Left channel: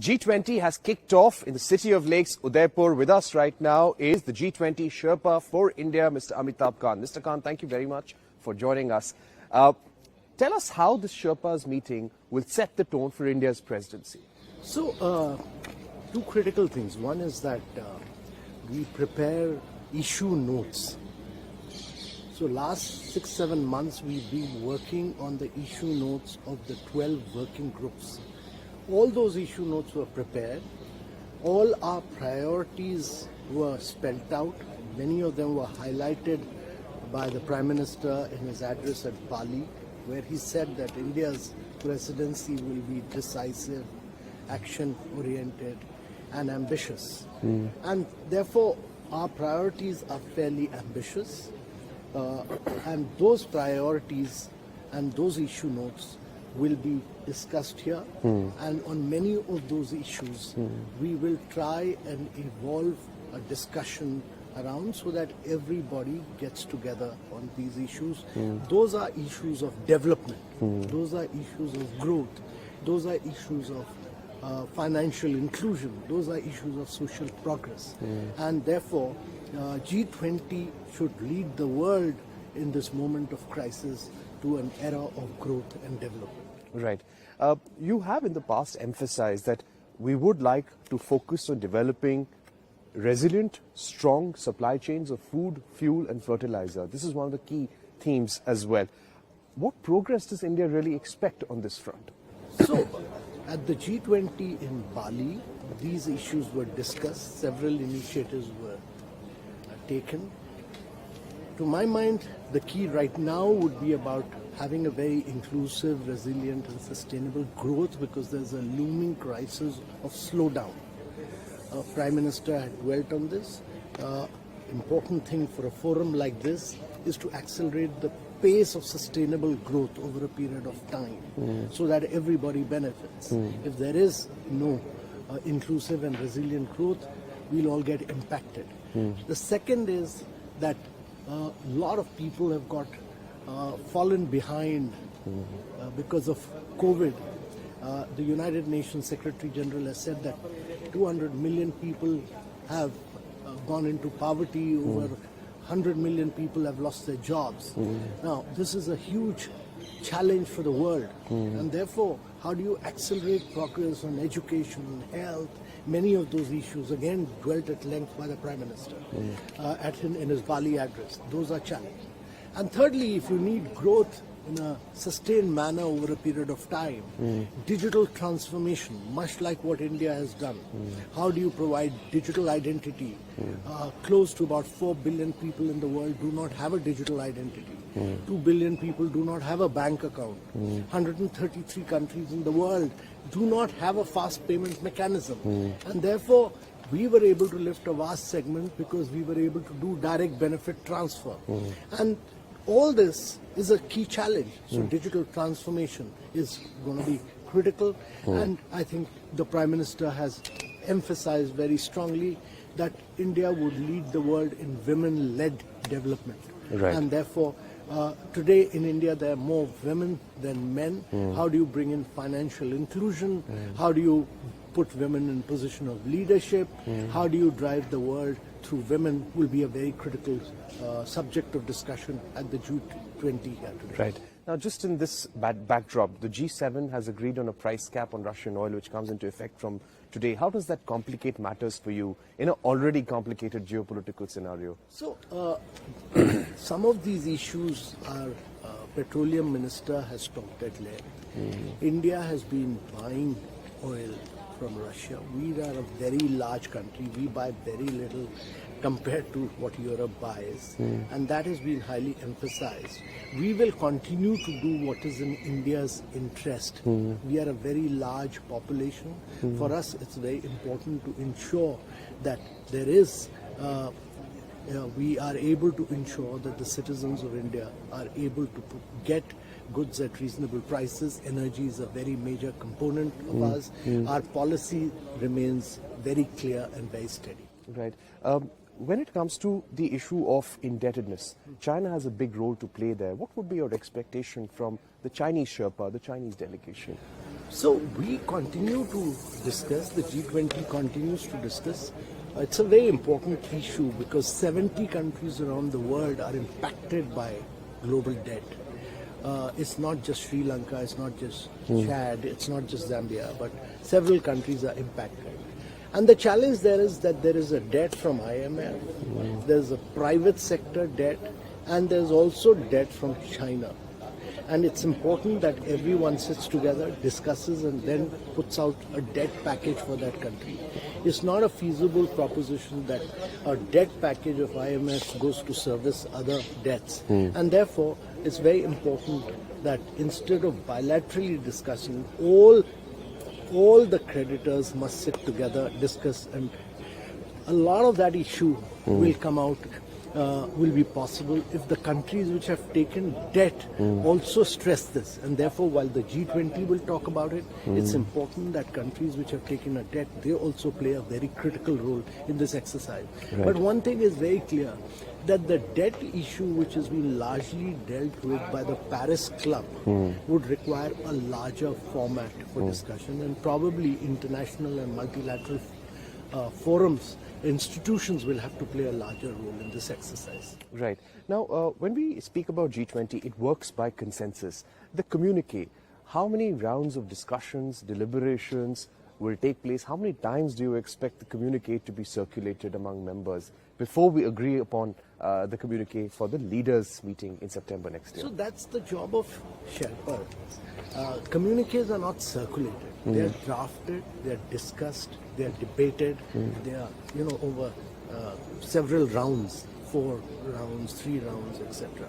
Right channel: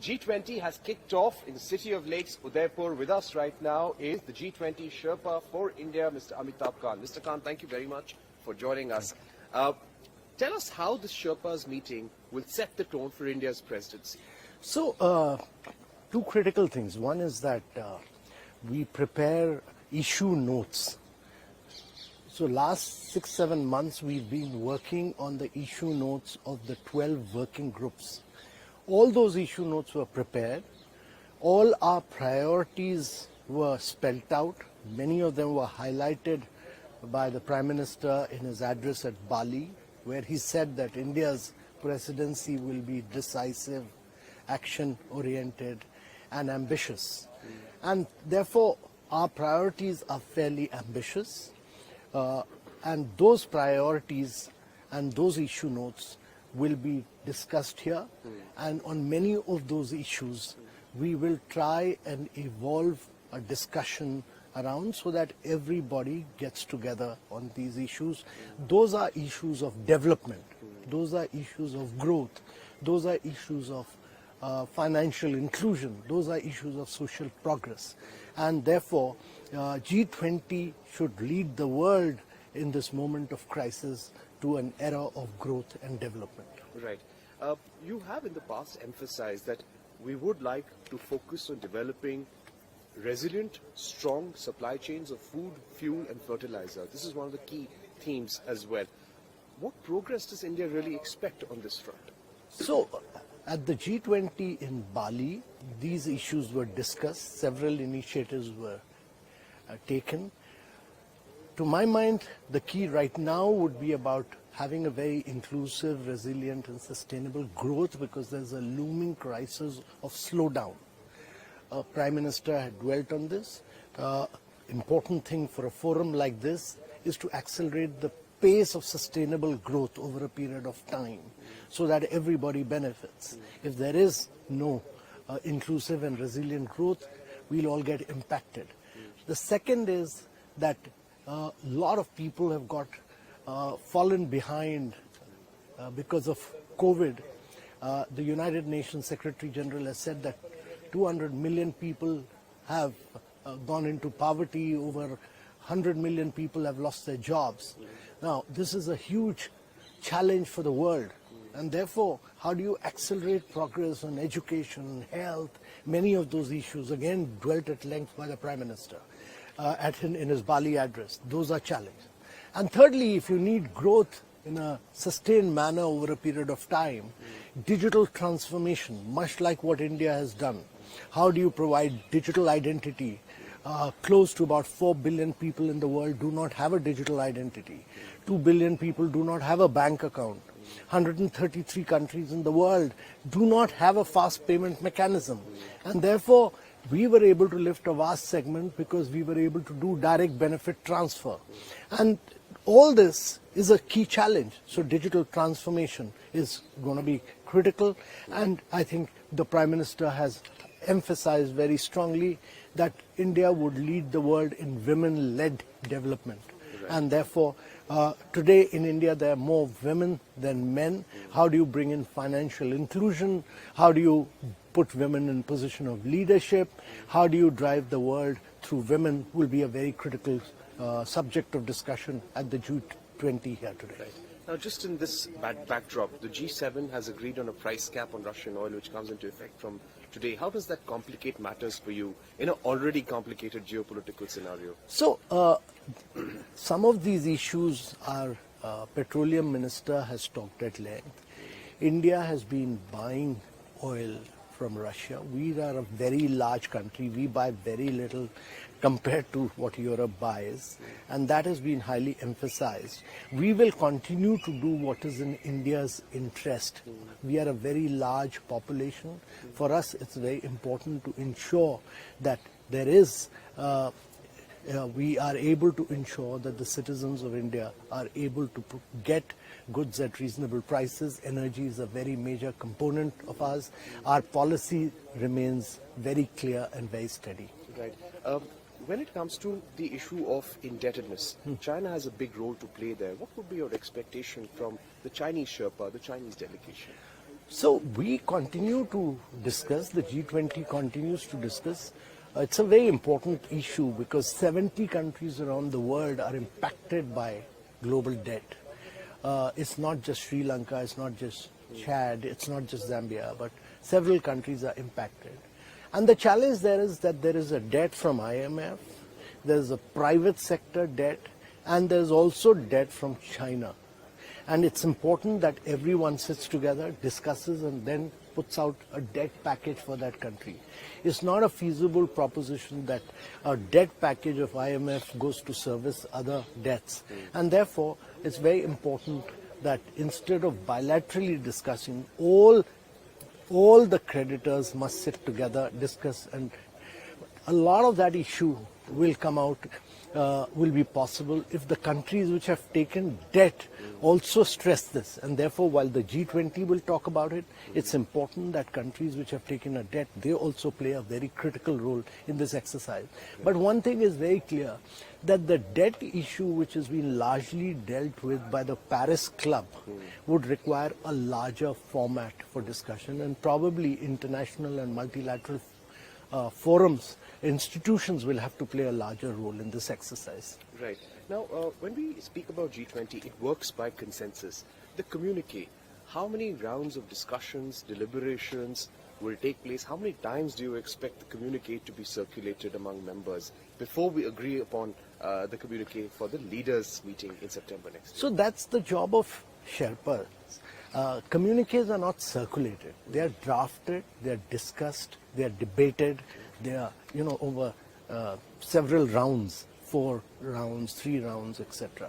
The G20 has kicked off in the city of lakes, Udaipur. With us right now is the G20 Sherpa for India, Mr. Amitabh Kant. Mr. Kant, thank you very much for joining us. Tell us how this Sherpas meeting will set the tone for India's presidency. So, two critical things. One is that we prepare issue notes. So last 6-7 months we've been working on the issue notes of the 12 working groups. All those issue notes were prepared. All our priorities were spelled out. Many of them were highlighted by the Prime Minister in his address at Bali, where he said that India's presidency will be decisive, action-oriented and ambitious. And therefore, our priorities are fairly ambitious. And those priorities and those issue notes will be discussed here. And on many of those issues, we will try and evolve a discussion around so that everybody gets together on these issues. Those are issues of development. Those are issues of growth. Those are issues of financial inclusion. Those are issues of social progress. And therefore, G20 should lead the world in this moment of crisis to an era of growth and development. Right. You have in the past emphasized that we would like to focus on developing resilient, strong supply chains of food, fuel and fertilizer. This is one of the key themes as well. What progress does India really expect on this front? So, at the G20 in Bali, these issues were discussed. Several initiatives were taken. To my mind, the key right now would be about having a very inclusive, resilient and sustainable growth, because there's a looming crisis of slowdown. Prime Minister had dwelt on this. Important thing for a forum like this is to accelerate the pace of sustainable growth over a period of time so that everybody benefits. If there is no inclusive and resilient growth, we'll all get impacted. The second is that a lot of people have got fallen behind because of COVID. The United Nations Secretary General has said that 200 million people have gone into poverty, over 100 million people have lost their jobs. Now, this is a huge challenge for the world, and therefore, how do you accelerate progress on education, health, many of those issues, again, dwelt at length by the Prime Minister in his Bali address. Those are challenges. And thirdly, if you need growth in a sustained manner over a period of time, digital transformation, much like what India has done. How do you provide digital identity? Close to about 4 billion people in the world do not have a digital identity. 2 billion people do not have a bank account. 133 countries in the world do not have a fast payment mechanism. And therefore, we were able to lift a vast segment because we were able to do direct benefit transfer. And all this is a key challenge. So digital transformation is going to be critical. And I think the Prime Minister has emphasized very strongly that India would lead the world in women-led development. Right. And therefore, today in India there are more women than men. How do you bring in financial inclusion? How do you put women in position of leadership? How do you drive the world through women will be a very critical subject of discussion at the G20 here today. Right. Now, just in this backdrop, the G7 has agreed on a price cap on Russian oil, which comes into effect from today. How does that complicate matters for you in an already complicated geopolitical scenario? So, some of these issues our petroleum minister has talked at length. India has been buying oil from Russia. We are a very large country. We buy very little compared to what Europe buys, and that has been highly emphasized. We will continue to do what is in India's interest. We are a very large population. For us, it's very important to ensure that there is, we are able to ensure that the citizens of India are able to get goods at reasonable prices. Energy is a very major component of ours. Our policy remains very clear and very steady. Right. When it comes to the issue of indebtedness, China has a big role to play there. What would be your expectation from the Chinese Sherpa, the Chinese delegation? So we continue to discuss, the G20 continues to discuss. It's a very important issue because 70 countries around the world are impacted by global debt. It's not just Sri Lanka, it's not just Chad, it's not just Zambia, but several countries are impacted. And the challenge there is that there is a debt from IMF, there's a private sector debt, and there's also debt from China. And it's important that everyone sits together, discusses, and then puts out a debt package for that country. It's not a feasible proposition that a debt package of IMF goes to service other debts. And therefore, it's very important that instead of bilaterally discussing, all the creditors must sit together, discuss, and a lot of that issue will come out, will be possible if the countries which have taken debt also stress this. And therefore, while the G20 will talk about it, it's important that countries which have taken a debt, they also play a very critical role in this exercise. Right. But one thing is very clear, that the debt issue, which has been largely dealt with by the Paris Club, would require a larger format for discussion, and probably international and multilateral forums, institutions will have to play a larger role in this exercise. Right. Now, when we speak about G20, it works by consensus. The communique, how many rounds of discussions, deliberations will take place? How many times do you expect the communique to be circulated among members before we agree upon the communique for the leaders meeting in September next year? So that's the job of Sherpas. Communiques are not circulated. They are drafted, they are discussed, they are debated, they are, over several rounds, 4 rounds, 3 rounds, etc.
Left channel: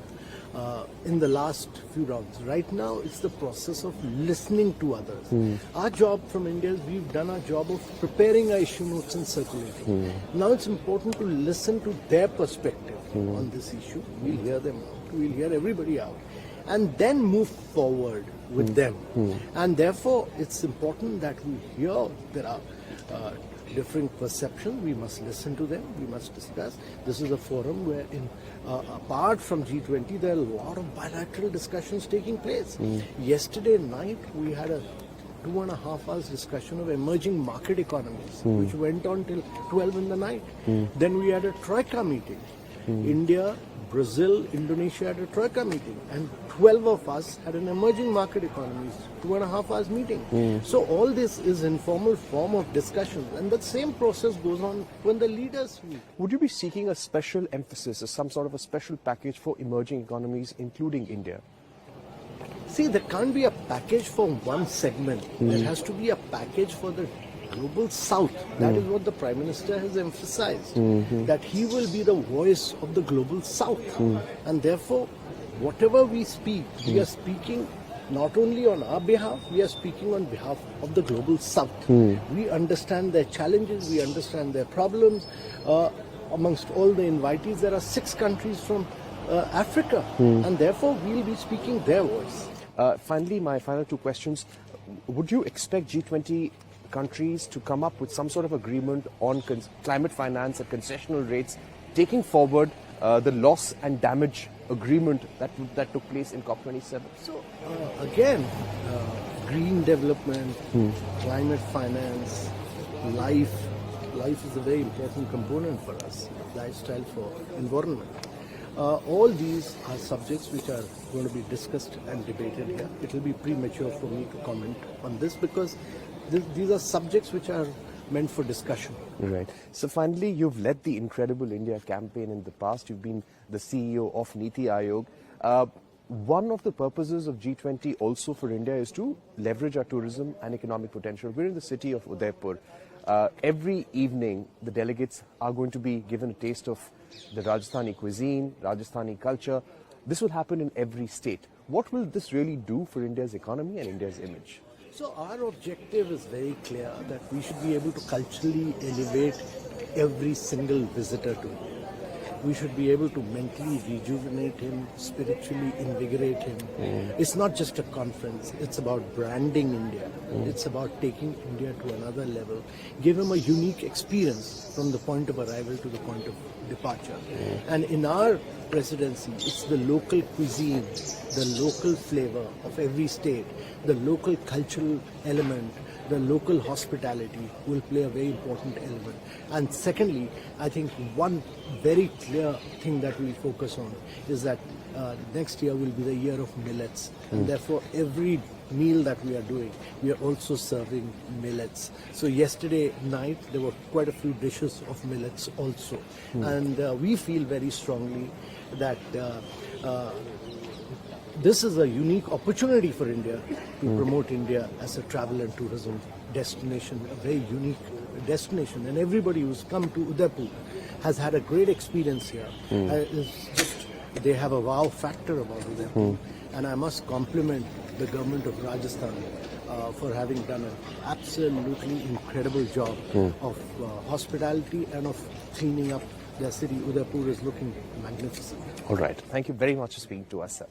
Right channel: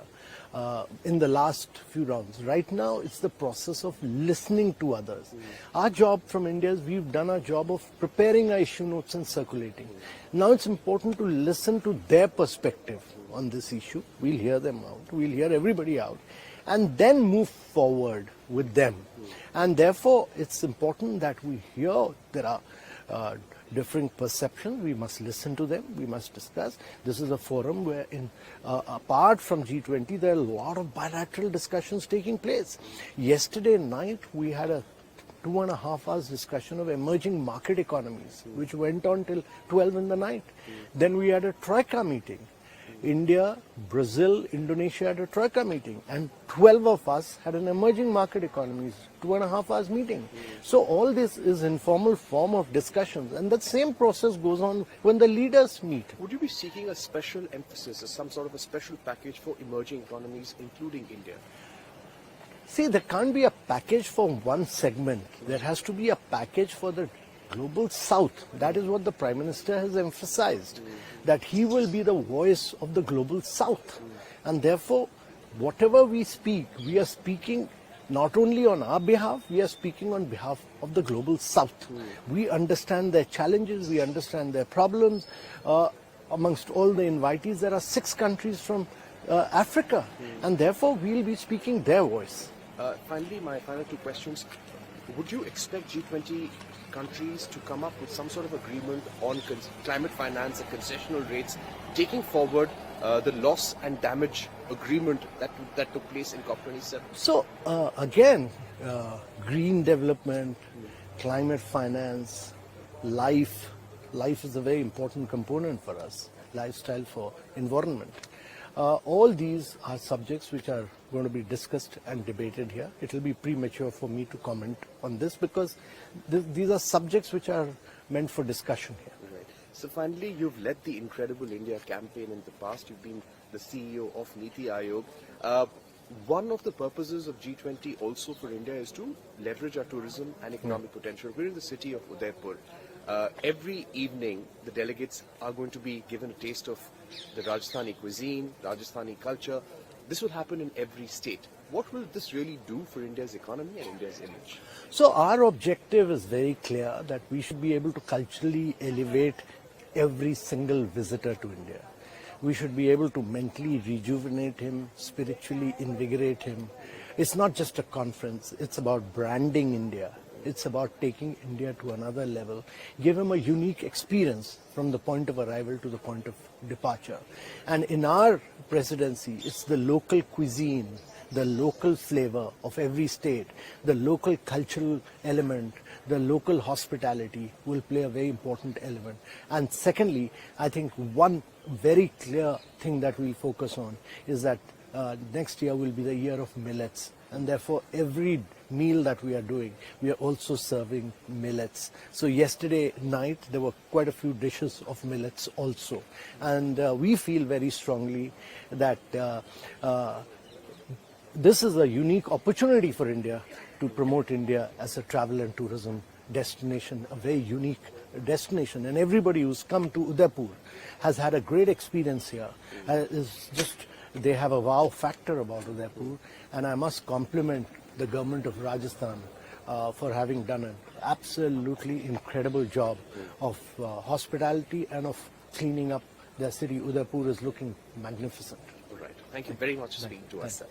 In the last few rounds. Right now, it's the process of listening to others. Our job from India is we've done our job of preparing our issue notes and circulating. Now it's important to listen to their perspective on this issue. We'll hear them out. We'll hear everybody out. And then move forward with them. And therefore, it's important that we hear there are different perceptions. We must listen to them. We must discuss. This is a forum where, apart from G20, there are a lot of bilateral discussions taking place. Yesterday night, we had a 2.5 hours discussion of emerging market economies, which went on till 12 in the night. Then we had a Troika meeting. India, Brazil, Indonesia had a Troika meeting, and 12 of us had an emerging market economies 2.5 hours meeting. So all this is informal form of discussion, and that same process goes on when the leaders meet. Would you be seeking a special emphasis, some sort of a special package for emerging economies, including India? See, there can't be a package for one segment. There has to be a package for the global south. That is what the Prime Minister has emphasized, that he will be the voice of the global south. And therefore, whatever we speak, we are speaking not only on our behalf, we are speaking on behalf of the global south. We understand their challenges, we understand their problems. Amongst all the invitees, there are 6 countries from Africa, and therefore we'll be speaking their voice. Finally, my final 2 questions. Would you expect G20 countries to come up with some sort of agreement on climate finance and concessional rates, taking forward the loss and damage agreement that took place in COP27? So again, green development, climate finance, life is a very important component for us, lifestyle for environment. All these are subjects which are going to be discussed and debated here. It will be premature for me to comment on this because these are subjects which are meant for discussion. Right. So finally, you've led the Incredible India campaign in the past. You've been the CEO of Niti Aayog. One of the purposes of G20 also for India is to leverage our tourism and economic potential. We're in the city of Udaipur. Every evening, the delegates are going to be given a taste of the Rajasthani cuisine, Rajasthani culture. This will happen in every state. What will this really do for India's economy and India's image? So our objective is very clear, that we should be able to culturally elevate every single visitor to India. We should be able to mentally rejuvenate him, spiritually invigorate him. It's not just a conference, it's about branding India. It's about taking India to another level. Give him a unique experience from the point of arrival to the point of departure. And in our presidency, it's the local cuisine, the local flavor of every state, the local cultural element, the local hospitality will play a very important element. And secondly, I think one very clear thing that we'll focus on is that next year will be the year of millets. And therefore, every meal that we are doing, we are also serving millets. So yesterday night, there were quite a few dishes of millets also. And we feel very strongly that this is a unique opportunity for India to promote India as a travel and tourism destination, a very unique destination. And everybody who's come to Udaipur has had a great experience here. They have a wow factor about Udaipur. And I must compliment the government of Rajasthan for having done an absolutely incredible job of hospitality and of cleaning up their city. Udaipur is looking magnificent. All right. Thank you very much for speaking to us.